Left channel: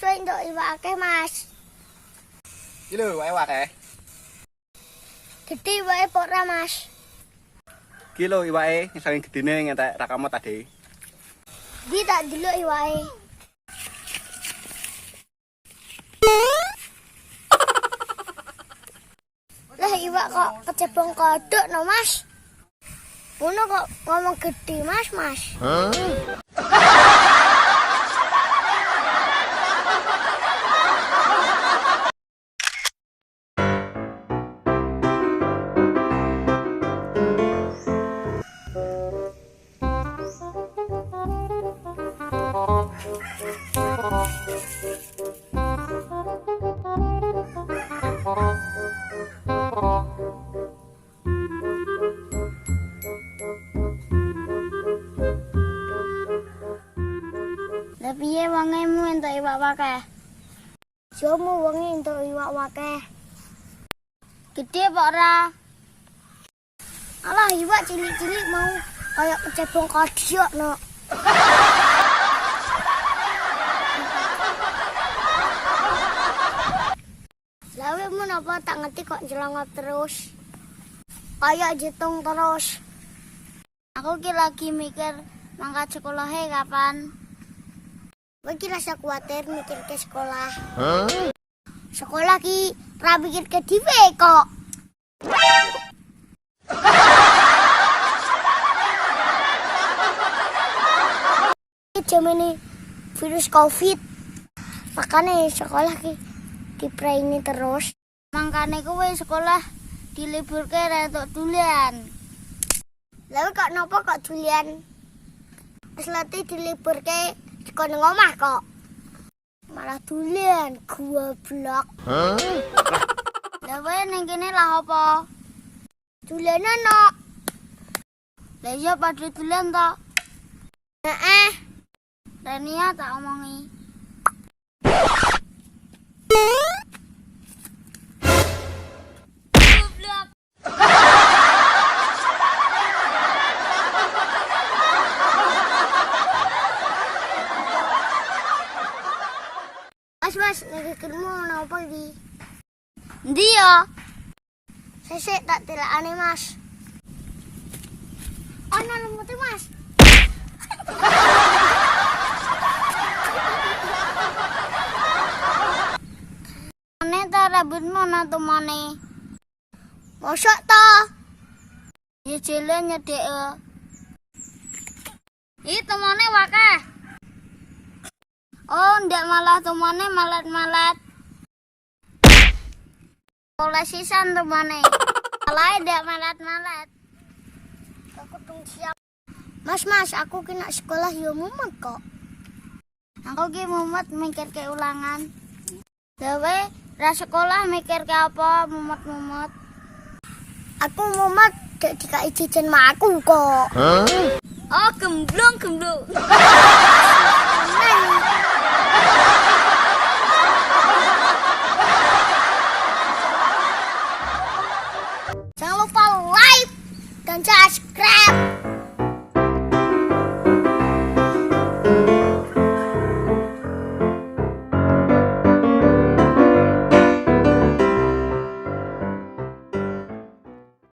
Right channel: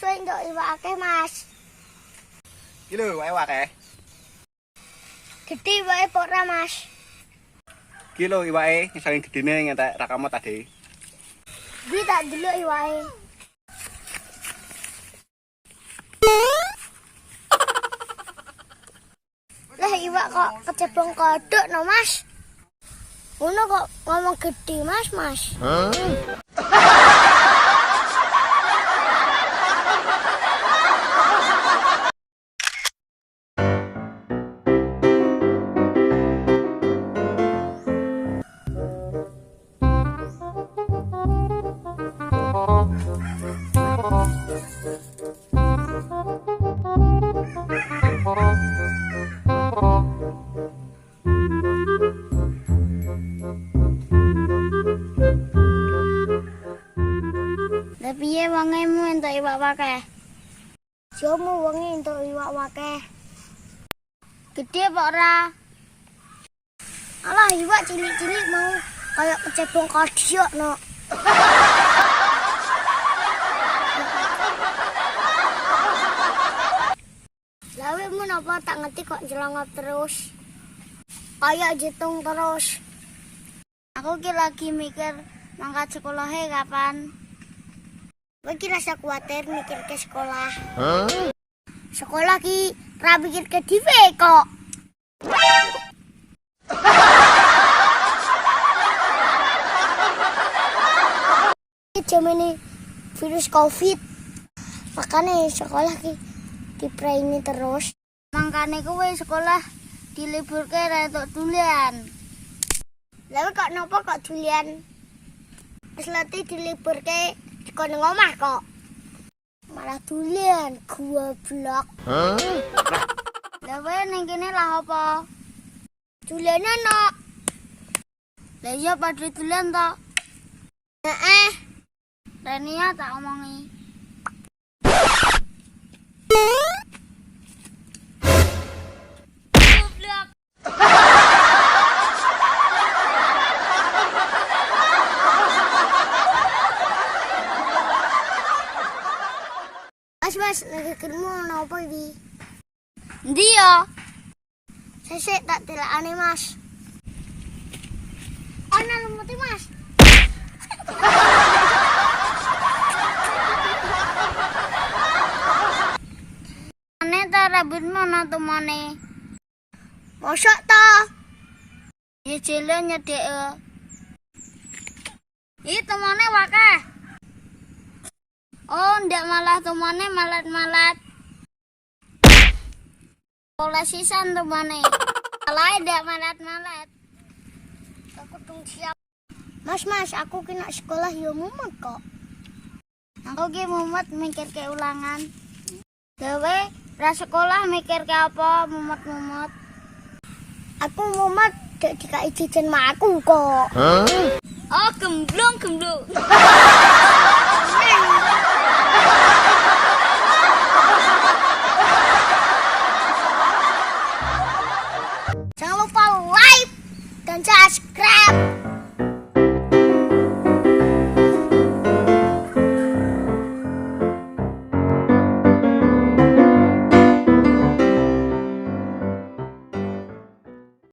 Mas, untuk iwak akeh, Mas. Iki lho iwake akeh. Gede iwake apa ora, Mas? Iki lho iwake saking gedene ngentek rakamot tadi. Iki tak delok iwake. Lah iwak kok kecebong kodok no, Mas? Ngono kok ngomong gede, Mas. Lah piye wongemu entuk iwak wakeh? Jomu wonge entuk iwak wakeh. Gede apa ora? Alah iwak cilik-cilik mau kayak kecebong kodiok no. Lawe mu napa tak ngerti kok jelongop terus. Kayak jitung terus. Aku ki lagi mikir mangkat sekolahnya kapan. Kowe ki rasa kuwatir mikir ke sekolah. Sekolah ki ra mikir ke dhewe kok. Jamane virus Covid. Makanya sekolah ki dipraini terus. Mangkane kowe sekolah diliburke ra entuk dulian. Lalu kok nopo kok dulian? Wis lati diliburke dikon ngomah kok. Malah dulian goblok. Lah kowe ning kene lah apa? Dulian ono. Lah iya padhe dulian to. Heeh. Renia tak omongi. Goblok. Mas, negerimu napa iki? Endi ya? Sesek tak tilakane, Mas. Ana lumute, Mas. Ane ta rambutmu ana tumane. Mosok ta? Ya jele nyedek. Iki tumane wakeh. Oh, ndak malah tumane malat-malat. Oleh sisan tumane. Malah ndak malat-malat. Aku tung siap. Mas, aku kena sekolah yo mumet kok. Aku ki mumet mikir ke ulangan. Gawe ra sekolah mikir ke apa mumet-mumet. Aku mumet gak dikai jajan mak aku kok. Oh, gemblong.